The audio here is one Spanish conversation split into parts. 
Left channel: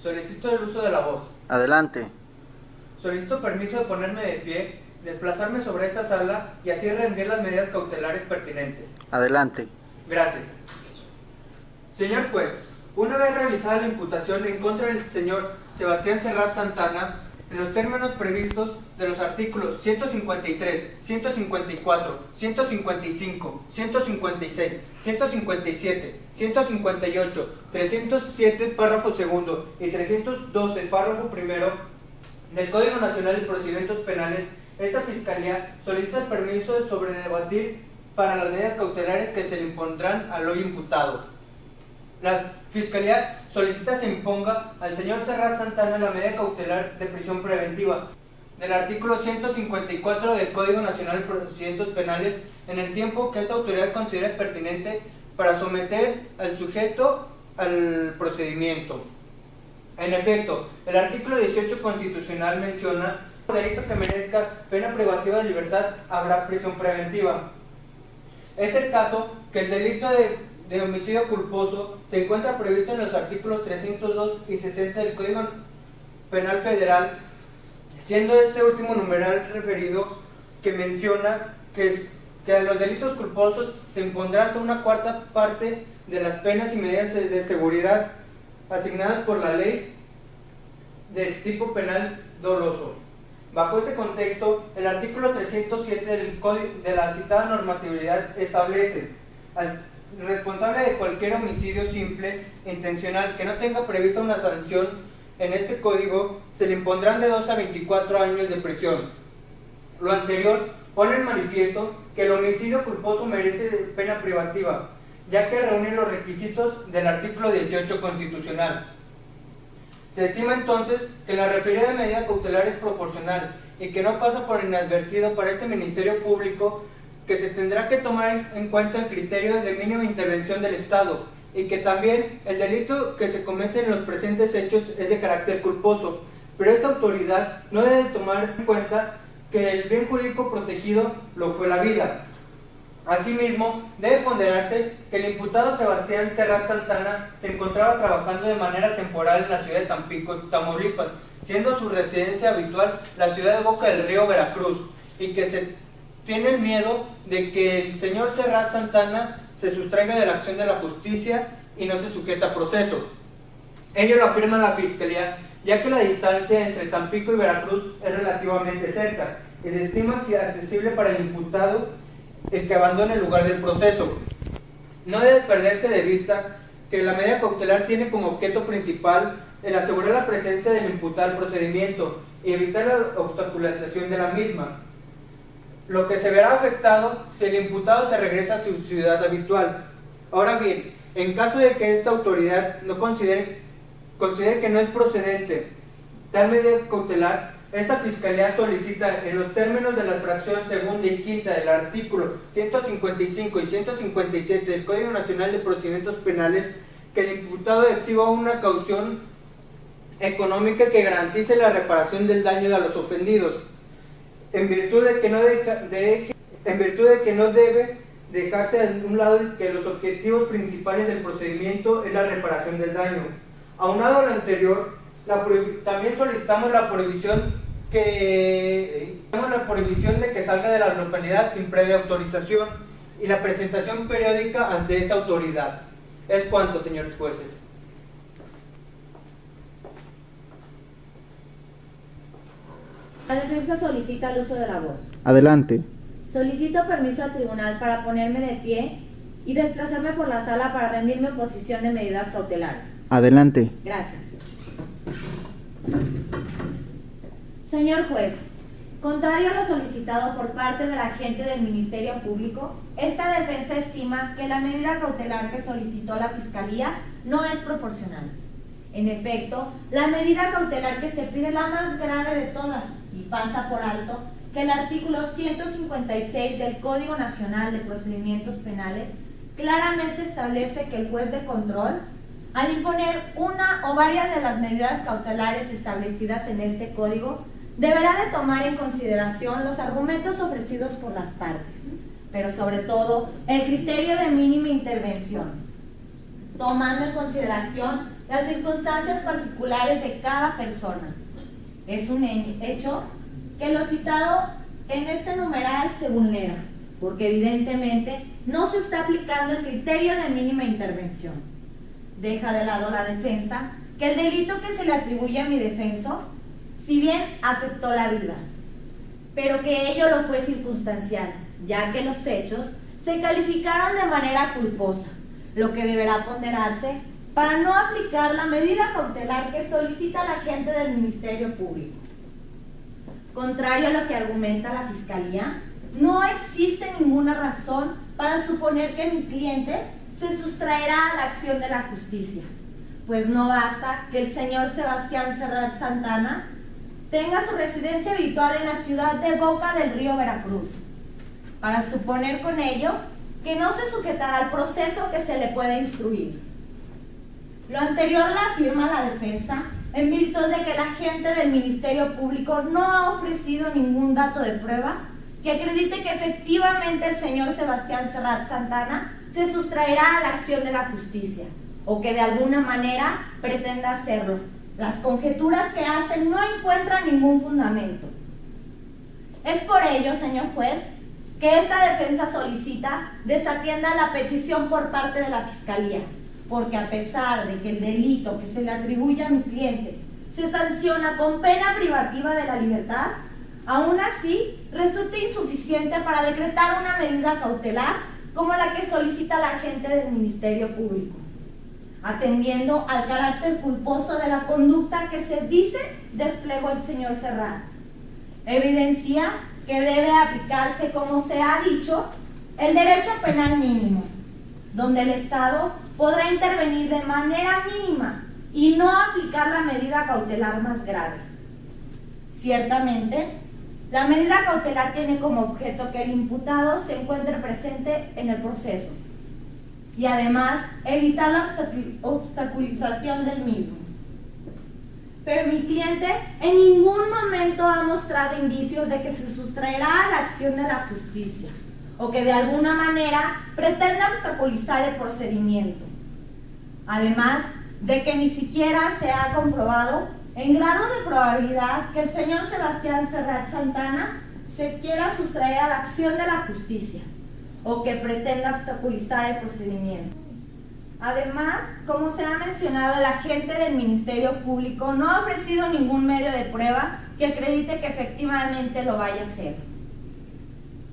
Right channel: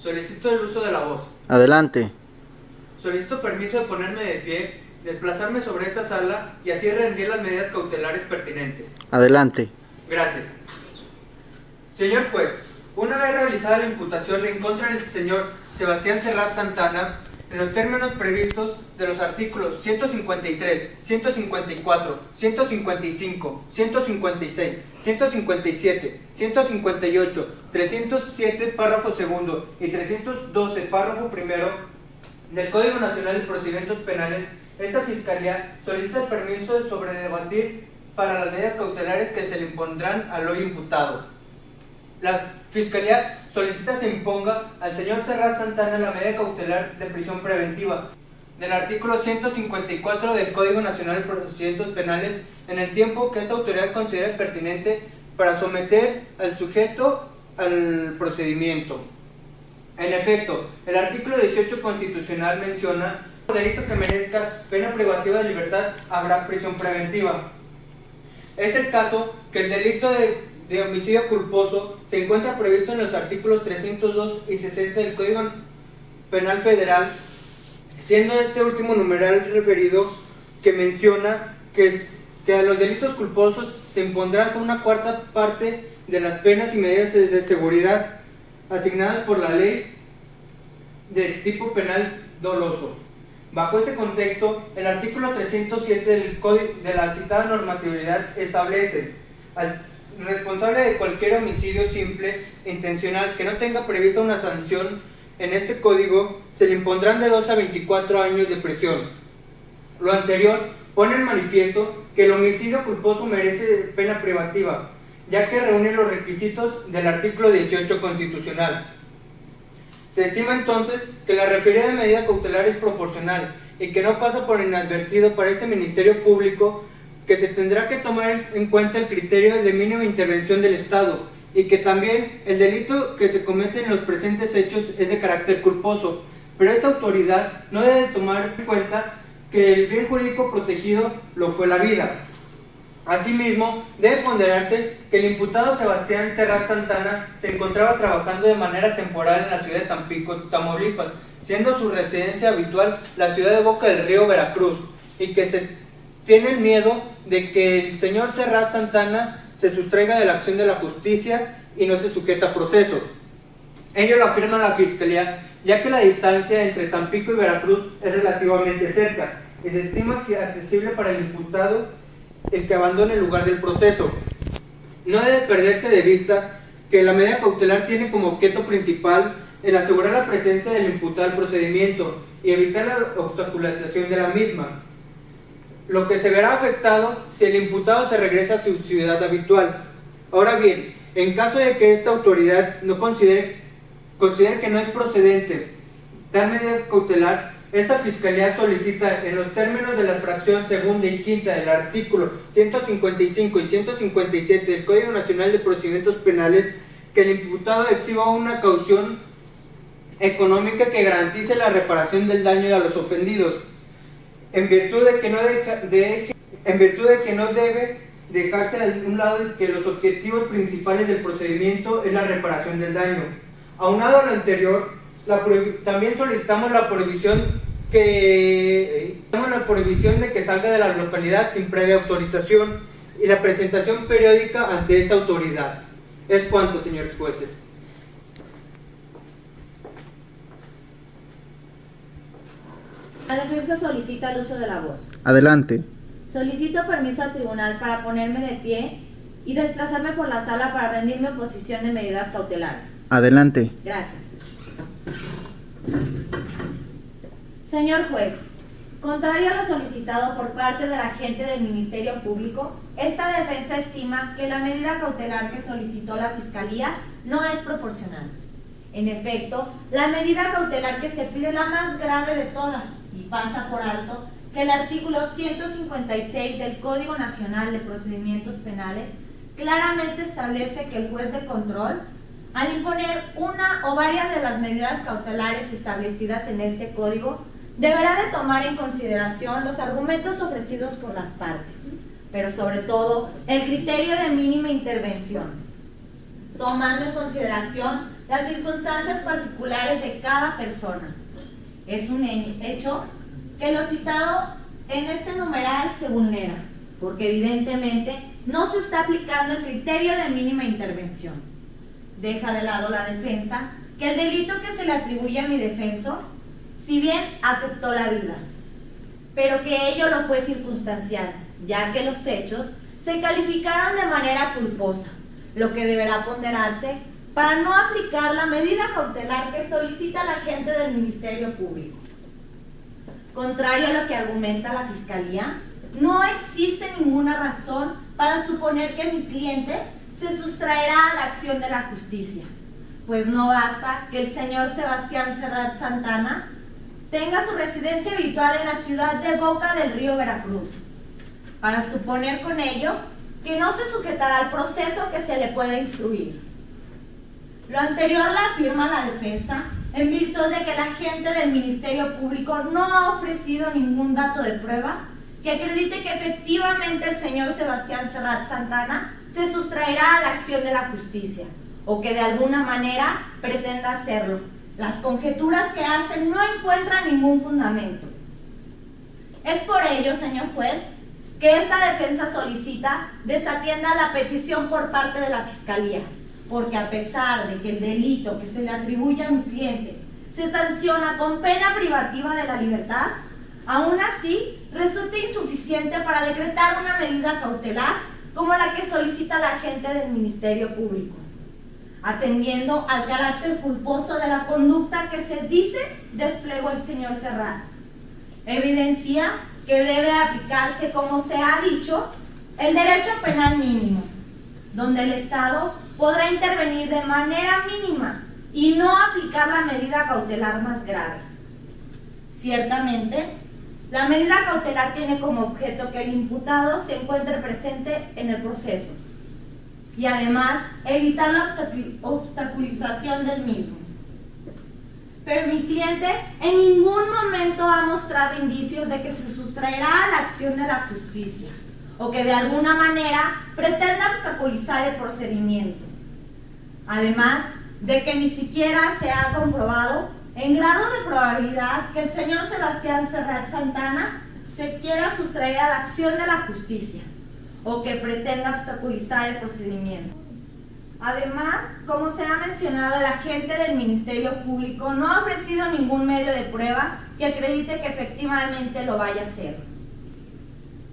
Solicito el uso de la voz. Adelante. Solicito permiso de ponerme de pie, desplazarme sobre esta sala y así rendir las medidas cautelares pertinentes. Adelante. Gracias. Señor juez, una vez realizada la imputación en contra del señor Sebastián Serrat Santana, en los términos previstos de los artículos 153, 154, 155, 156, 157, 158, 307, párrafo segundo y 312, párrafo primero del Código Nacional de Procedimientos Penales, esta Fiscalía solicita el permiso de sobredebatir para las medidas cautelares que se le impondrán al hoy imputado. La Fiscalía solicita se imponga al señor Serrat Santana la medida cautelar de prisión preventiva del artículo 154 del Código Nacional de Procedimientos Penales en el tiempo que esta autoridad considere pertinente para someter al sujeto al procedimiento. En efecto, el artículo 18 constitucional menciona que por delito que merezca pena privativa de libertad habrá prisión preventiva. Es el caso que el delito de homicidio culposo se encuentra previsto en los artículos 302 y 60 del Código Penal Federal, siendo este último numeral referido que menciona que a los delitos culposos se impondrá hasta una cuarta parte de las penas y medidas de seguridad asignadas por la ley del tipo penal doloso. Bajo este contexto, el artículo 307 del Código de la citada normatividad establece al responsable de cualquier homicidio simple e intencional que no tenga prevista una sanción en este código, se le impondrán de 2 a 24 años de prisión. Lo anterior pone en manifiesto que el homicidio culposo merece pena privativa, ya que reúne los requisitos del artículo 18 constitucional. Se estima entonces que la referida medida cautelar es proporcional y que no pasa por inadvertido para este Ministerio Público, que se tendrá que tomar en cuenta el criterio de mínima intervención del Estado y que también el delito que se comete en los presentes hechos es de carácter culposo, pero esta autoridad no debe tomar en cuenta que el bien jurídico protegido lo fue la vida. Asimismo, debe ponderarse que el imputado Sebastián Serrat Santana se encontraba trabajando de manera temporal en la ciudad de Tampico, Tamaulipas, siendo su residencia habitual la ciudad de Boca del Río, Veracruz, y que se tiene el miedo de que el señor Serrat Santana se sustraiga de la acción de la justicia y no se sujeta a proceso. Ello lo afirma la Fiscalía, ya que la distancia entre Tampico y Veracruz es relativamente cerca y se estima que es accesible para el imputado el que abandone el lugar del proceso. No debe perderse de vista que la medida cautelar tiene como objeto principal el asegurar la presencia del imputado al procedimiento y evitar la obstaculización de la misma, lo que se verá afectado si el imputado se regresa a su ciudad habitual. Ahora bien, en caso de que esta autoridad no considere que no es procedente tal medida cautelar, esta Fiscalía solicita, en los términos de la fracción segunda y quinta del artículo 155 y 157 del Código Nacional de Procedimientos Penales, que el imputado exhiba una caución económica que garantice la reparación del daño a los ofendidos, en virtud de que no debe dejarse a un lado que los objetivos principales del procedimiento es la reparación del daño. Aunado a lo anterior, también solicitamos la prohibición de que salga de la localidad sin previa autorización y la presentación periódica ante esta autoridad. Es cuanto, señores jueces. La defensa solicita el uso de la voz. Adelante. Solicito permiso al tribunal para ponerme de pie y desplazarme por la sala para rendir mi oposición de medidas cautelares. Adelante. Gracias. Señor juez, contrario a lo solicitado por parte del agente del Ministerio Público, esta defensa estima que la medida cautelar que solicitó la Fiscalía no es proporcional. En efecto, la medida cautelar que se pide es la más grave de todas y pasa por alto que el artículo 156 del Código Nacional de Procedimientos Penales claramente establece que el juez de control, al imponer una o varias de las medidas cautelares establecidas en este código, deberá de tomar en consideración los argumentos ofrecidos por las partes, pero sobre todo el criterio de mínima intervención, tomando en consideración las circunstancias particulares particulares de cada persona. Es un hecho que lo citado en este numeral se vulnera, porque evidentemente no se está aplicando el criterio de mínima intervención. Deja de lado la defensa que el delito que se le atribuye a mi defenso, si bien afectó la vida, pero que ello lo fue circunstancial, ya que los hechos se calificaron de manera culposa, lo que deberá ponderarse para no aplicar la medida cautelar que solicita la agente del Ministerio Público. Contrario a lo que argumenta la Fiscalía, no existe ninguna razón para suponer que mi cliente se sustraerá a la acción de la justicia, pues no basta que el señor Sebastián Serrat Santana tenga su residencia habitual en la ciudad de Boca del Río, Veracruz, para suponer con ello que no se sujetará al proceso que se le puede instruir. Lo anterior la afirma la defensa en virtud de que la agente del Ministerio Público no ha ofrecido ningún dato de prueba que acredite que efectivamente el señor Sebastián Serrat Santana se sustraerá a la acción de la justicia, o que de alguna manera pretenda hacerlo. Las conjeturas que hacen no encuentran ningún fundamento. Es por ello, señor juez, que esta defensa solicita desatienda la petición por parte de la Fiscalía, porque a pesar de que el delito que se le atribuye a mi cliente se sanciona con pena privativa de la libertad, aún así resulta insuficiente para decretar una medida cautelar como la que solicita la agente del Ministerio Público, atendiendo al carácter culposo de la conducta que se dice desplegó el señor Serrat. Evidencia que debe aplicarse, como se ha dicho, el derecho penal mínimo, donde el Estado podrá intervenir de manera mínima y no aplicar la medida cautelar más grave. Ciertamente, la medida cautelar tiene como objeto que el imputado se encuentre presente en el proceso y además evitar la obstaculización del mismo. Pero mi cliente en ningún momento ha mostrado indicios de que se sustraerá a la acción de la justicia o que de alguna manera pretenda obstaculizar el procedimiento. Además de que ni siquiera se ha comprobado en grado de probabilidad que el señor Sebastián Serrat Santana se quiera sustraer a la acción de la justicia o que pretenda obstaculizar el procedimiento. Además, como se ha mencionado, el agente del Ministerio Público no ha ofrecido ningún medio de prueba que acredite que efectivamente lo vaya a hacer.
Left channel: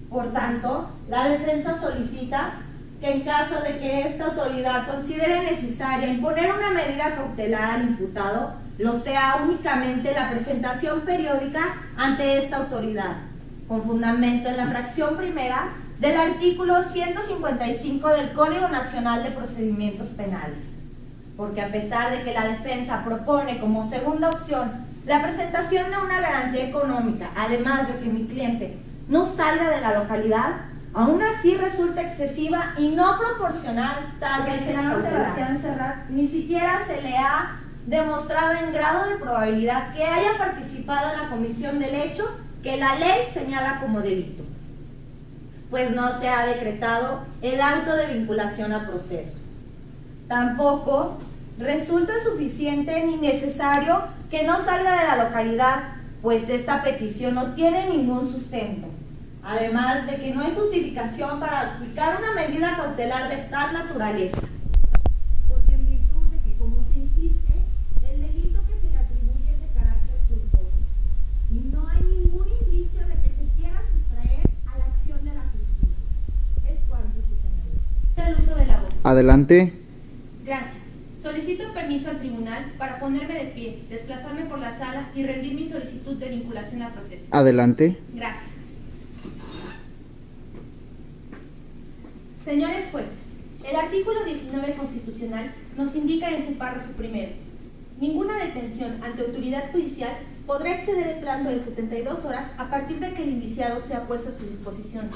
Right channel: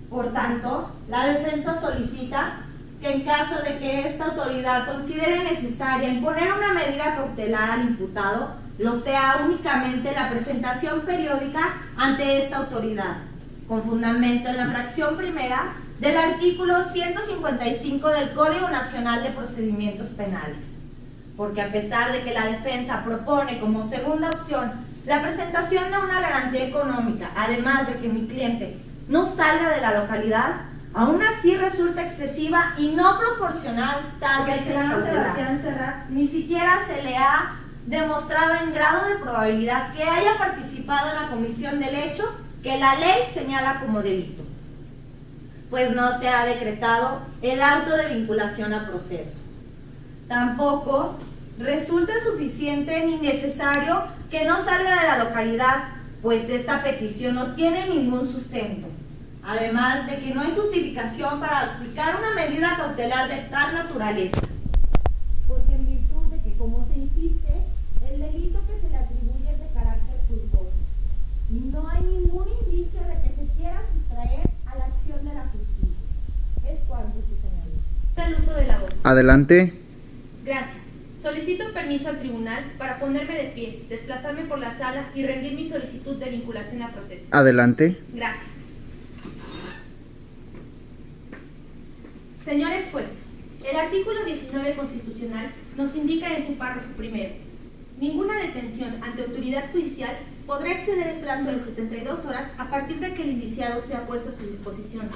Por tanto, la defensa solicita que en caso de que esta autoridad considere necesaria imponer una medida cautelar al imputado, lo sea únicamente la presentación periódica ante esta autoridad, con fundamento en la fracción primera del artículo 155 del Código Nacional de Procedimientos Penales. Porque a pesar de que la defensa propone como segunda opción la presentación de una garantía económica, además de que mi cliente no salga de la localidad, aún así resulta excesiva y no proporcional tal que el señor Sebastián Serrat ni siquiera se le ha demostrado en grado de probabilidad que haya participado en la comisión del hecho que la ley señala como delito, pues no se ha decretado el auto de vinculación a proceso. Tampoco resulta suficiente ni necesario que no salga de la localidad, pues esta petición no tiene ningún sustento, además de que no hay justificación para aplicar una medida cautelar de tal naturaleza. Porque en virtud de que, como se insiste, el delito que se le atribuye es de carácter culposo y no hay ningún indicio de que se quiera sustraer a la acción de la justicia. Es cuanto, su señoría. El uso de la voz. Adelante. Gracias. Solicito permiso al tribunal para ponerme de pie, desplazarme por la sala y rendir mi solicitud de vinculación a proceso. Adelante. Gracias. Señores jueces, el artículo 19 constitucional nos indica en su párrafo primero: ninguna detención ante autoridad judicial podrá exceder el plazo de 72 horas a partir de que el indiciado sea puesto a su disposición,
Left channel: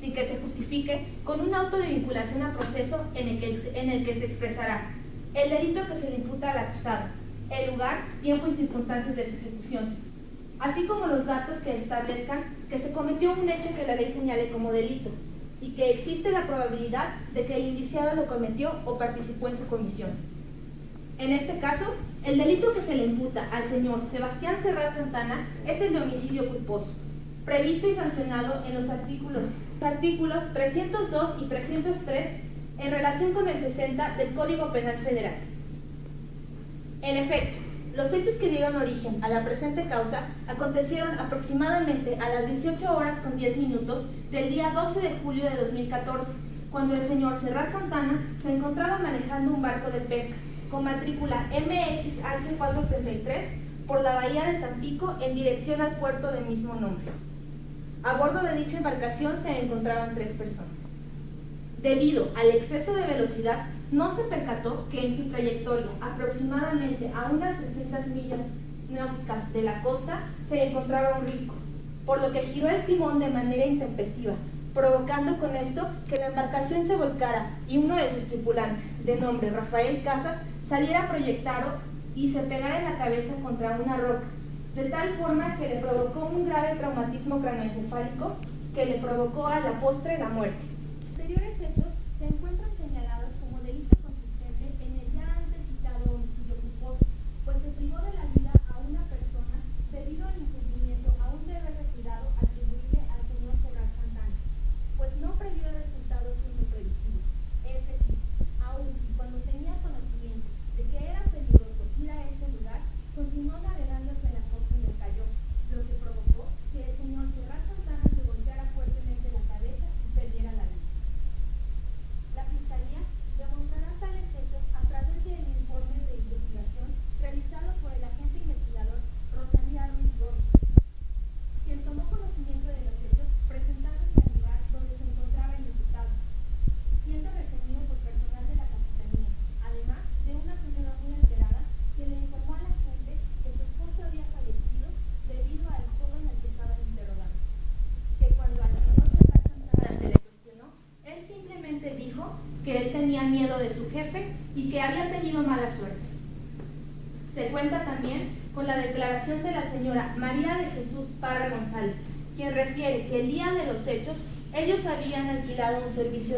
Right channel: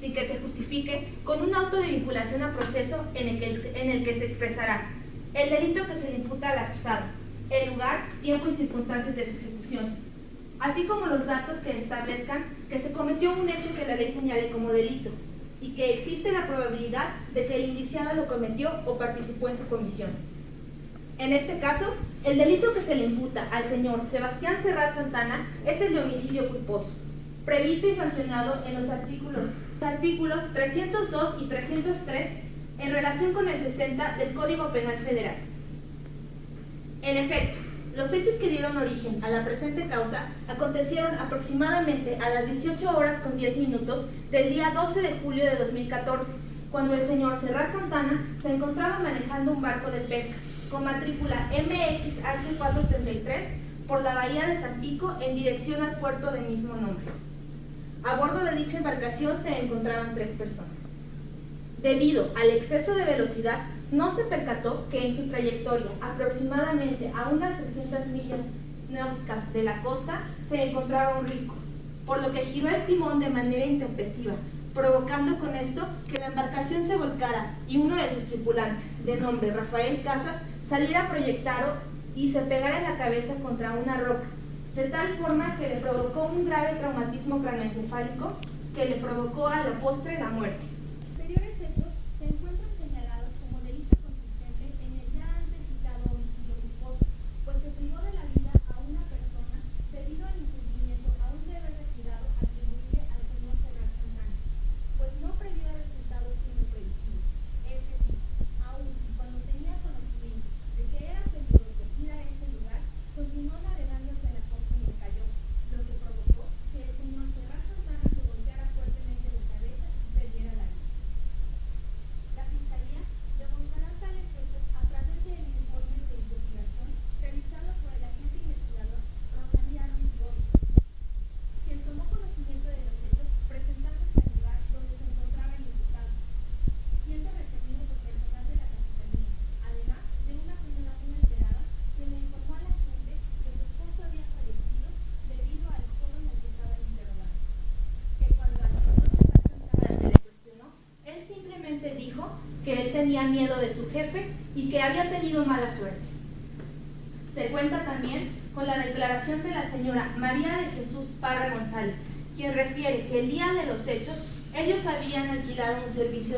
sin que se justifique con un auto de vinculación a proceso en el que se expresará el delito que se le imputa al acusado, el lugar, tiempo y circunstancias de su ejecución, así como los datos que establezcan que se cometió un hecho que la ley señale como delito y que existe la probabilidad de que el indiciado lo cometió o participó en su comisión. En este caso, el delito que se le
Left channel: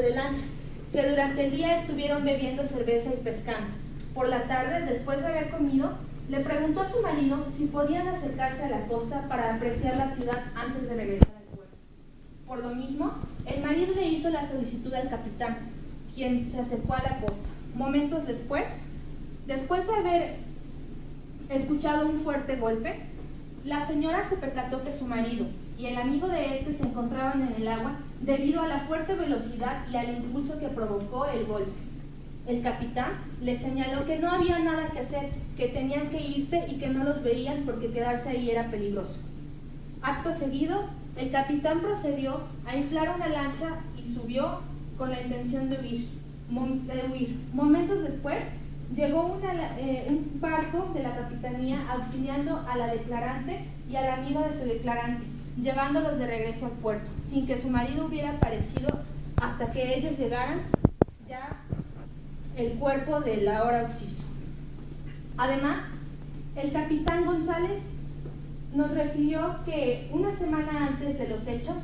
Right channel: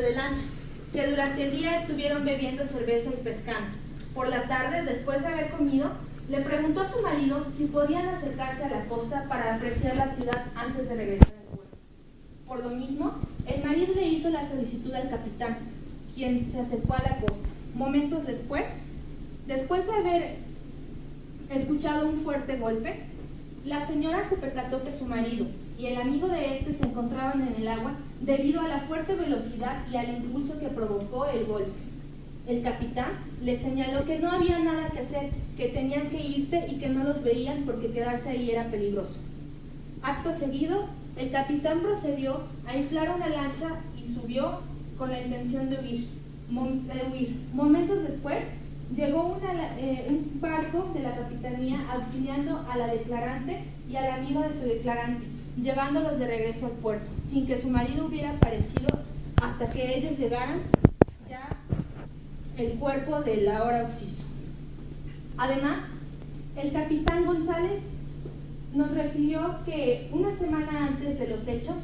de lancha, que durante el día estuvieron bebiendo cerveza y pescando. Por la tarde, después de haber comido, le preguntó a su marido si podían acercarse a la costa para apreciar la ciudad antes de regresar al puerto. Por lo mismo, el marido le hizo la solicitud al capitán, quien se acercó a la costa. Momentos después de haber escuchado un fuerte golpe, la señora se percató que su marido y el amigo de este se encontraban en el agua debido a la fuerte velocidad y al impulso que provocó el golpe. El capitán les señaló que no había nada que hacer, que tenían que irse y que no los veían porque quedarse ahí era peligroso. Acto seguido, el capitán procedió a inflar una lancha y subió con la intención de huir. Momentos después, llegó un barco de la capitanía auxiliando a la declarante y al amigo de su declarante, llevándolos de regreso al puerto, sin que su marido hubiera aparecido hasta que ellos llegaran ya el cuerpo del ahora occiso. Además, el capitán González nos refirió que una semana antes de los hechos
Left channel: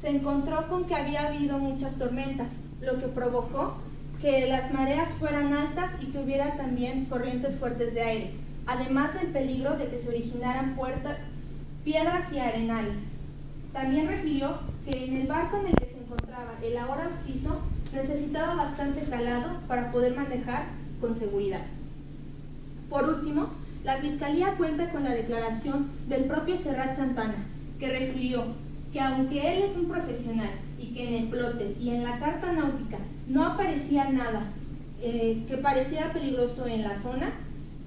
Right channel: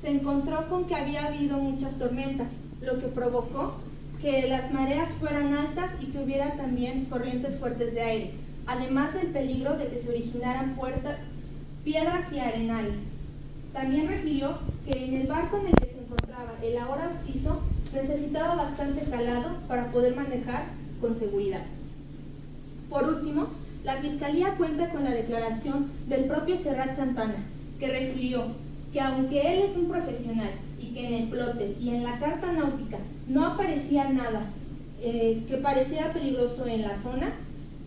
se encontró con que había habido muchas tormentas, lo que provocó que las mareas fueran altas y que hubiera también corrientes fuertes de aire, además del peligro de que se originaran piedras y arenales. También refirió que en el barco en el que se encontraba el ahora occiso necesitaba bastante calado para poder manejar con seguridad. Por último, la Fiscalía cuenta con la declaración del propio Serrat Santana, que refirió que aunque él es un profesional y que en el plote y en la carta náutica no aparecía nada que pareciera peligroso en la zona,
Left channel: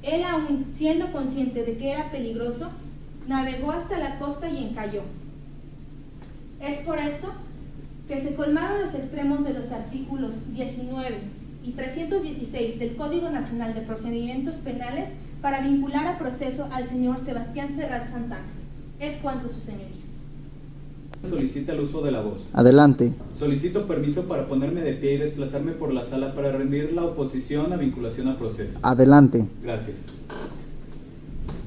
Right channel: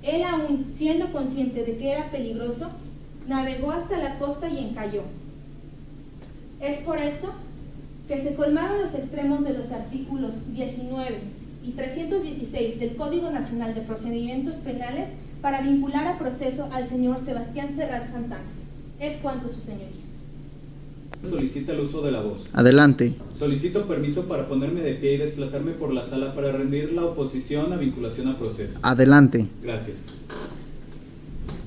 él aún siendo consciente de que era peligroso, navegó hasta la costa y encalló. Es por esto que se colmaron los extremos de los artículos 19 y 316 del Código Nacional de Procedimientos Penales para vincular a proceso al señor Sebastián Serrat Santana. Es cuanto, su señoría. Solicita el uso de la voz. Adelante. Solicito permiso para ponerme de pie y desplazarme por la sala para rendir la oposición a vinculación a proceso. Adelante. Gracias.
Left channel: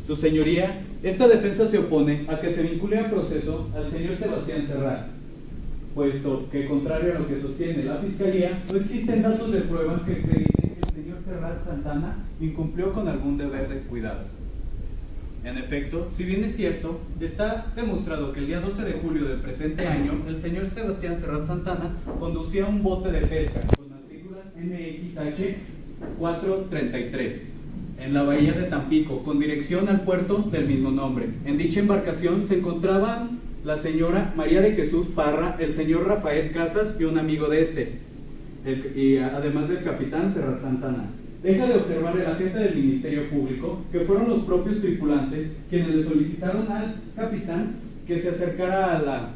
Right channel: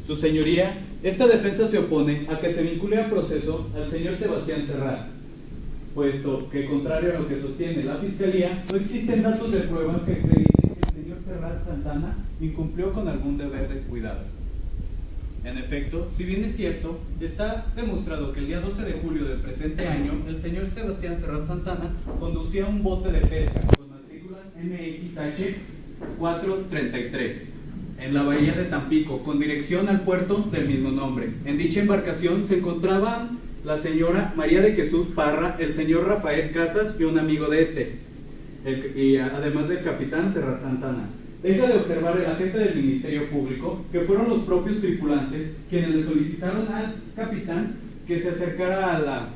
Su señoría, esta defensa se opone a que se vincule a proceso al señor Sebastián Serrat, puesto que, contrario a lo que sostiene la Fiscalía, no existen datos de prueba que acrediten que el señor Serrat Santana incumplió con algún deber de cuidado. En efecto, si bien es cierto, está demostrado que el día 12 de julio del presente año, el señor Sebastián Serrat Santana conducía un bote de pesca con matrículas MXH 433 en la bahía de Tampico, con dirección al puerto del mismo nombre. En dicha embarcación se encontraban la señora María de Jesús Parra, el señor Rafael Casas y un amigo de este, y además del capitán Serrat Santana. Deja de observar el agente del Ministerio Público que fueron los propios tripulantes quienes le solicitaron al capitán que se acercara a la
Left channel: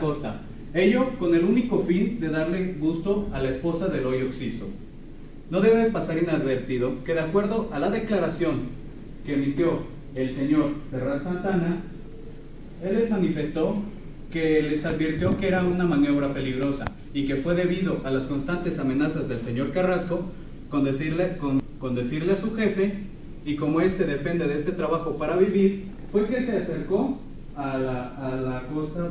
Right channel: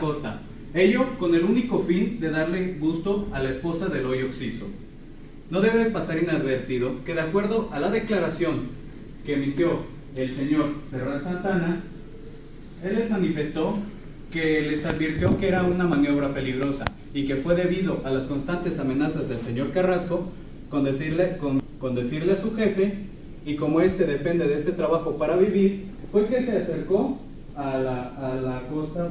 costa. Ello con el único fin de darle gusto a la esposa del hoy occiso. No debe pasar inadvertido que, de acuerdo a la declaración que emitió el señor Serrat Santana, él les manifestó que les advirtió que era una maniobra peligrosa y que fue debido a las constantes amenazas del señor Carrasco con decirle a su jefe, y como éste depende de este trabajo para vivir, fue que se acercó a la costa.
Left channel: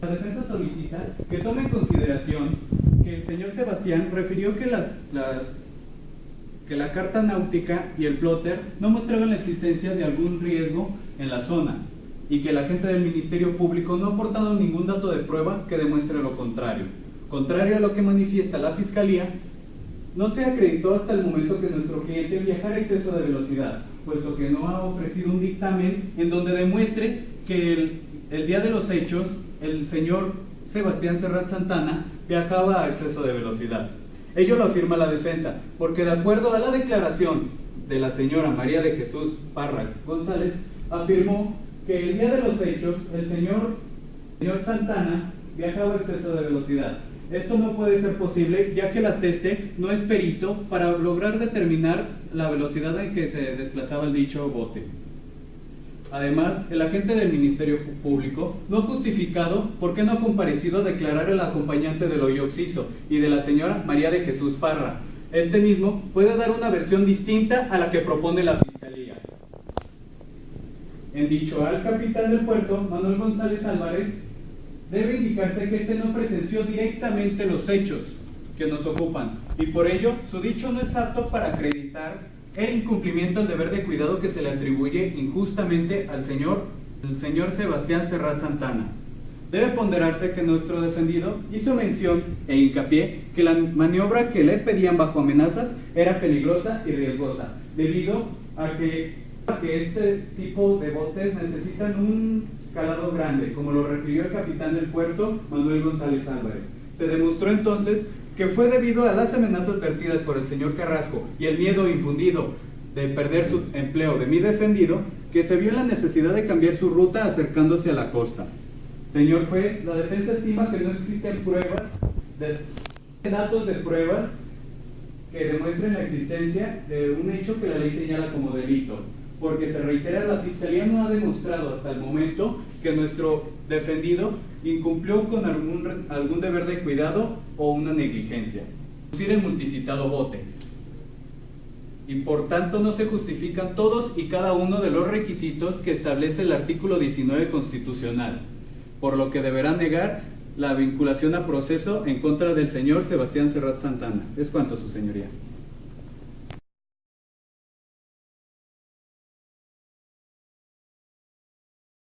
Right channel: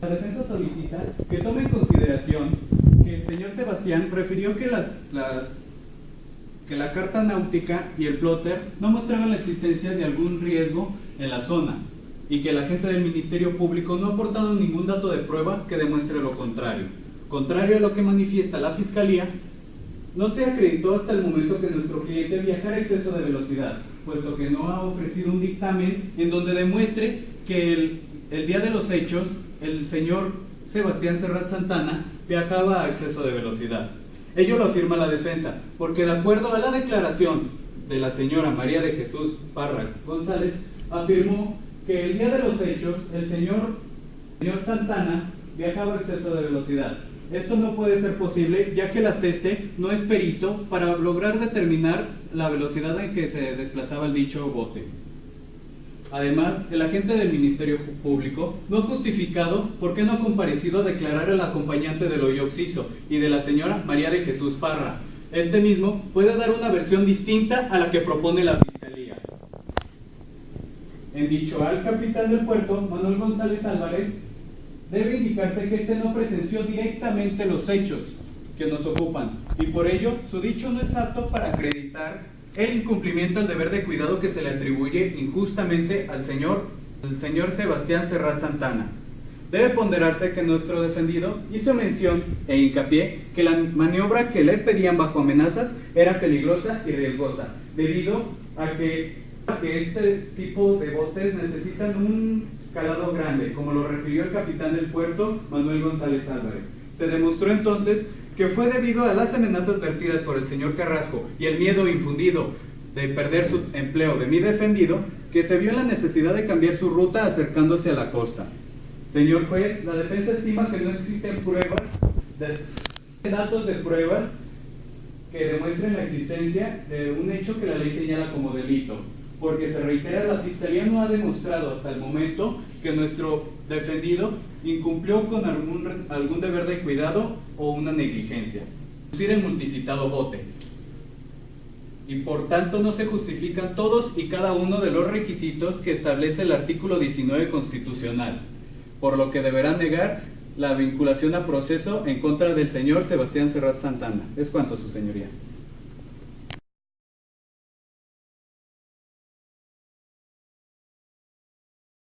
La defensa solicita que tome en consideración que el señor Sebastián refirió que la carta náutica y el plotter no mostraban la existencia de algún riesgo en la zona y que el agente del Ministerio Público no ha aportado ningún dato de prueba que demuestre lo contrario. Contrario a lo que manifiesta la Fiscalía, no se acreditó hasta el momento que nuestro cliente viajara a exceso de velocidad, puesto que no ha ofrecido un dictamen en donde demuestre que el día de los hechos el señor Sebastián Serrat Santana viajaba a exceso de velocidad. Ello lo afirma la defensa, porque de acuerdo a la declaración de la señora María de Jesús Parra González, afirmó que el día de los hechos el señor Santana viajaba a exceso de velocidad. Esto no puede ser posible, ya que el ateste no es perito para lograr determinar la velocidad en que se desplazaba el dicho bote. Además, el agente del Ministerio Público no ha justificado por qué no ha comparecido a declarar al acompañante del hoyo occiso y de la señora María de Jesús Parra. Este mismo puede dar una versión distinta a la que propone la Fiscalía. En dicho al capitán del puerto, Manuel González Álvarez, debe indicarse que este no presenció directamente los es apto para acreditar el incumplimiento del deber de cuidado que se le atribuye injustamente al señor Sebastián Serrat Santana. Debe ponderarse que nuestro defendido hizo mención e hincapié que la maniobra que le pedían bajo amenazas era peligrosa y riesgosa, debido a que este tipo de botes necesitan un calado grande, como lo refirió el capitán del puerto, Manuel González Álvarez. Se demostró entonces que fue debido a las amenazas vertidas por el señor Carrasco y el miedo infundido de perder su empleo de mi defendido, que se vio la necesidad de cambiar su ruta acercándose a la costa. Señor juez, la defensa estima que no existen datos de pruebas que demuestren la existencia de un hecho que la ley señala como delito, porque se reitera, la Fiscalía no ha demostrado hasta el momento que nuestro defendido incumplió con algún deber de cuidado o una negligencia. Es decir, el multicitado bote. Y por tanto no se justifican todos y cada uno de los requisitos que establece el artículo 19 constitucional, por lo que deberá negar la vinculación a proceso en contra del señor Sebastián Serrat Santana. Es cuanto, su señoría.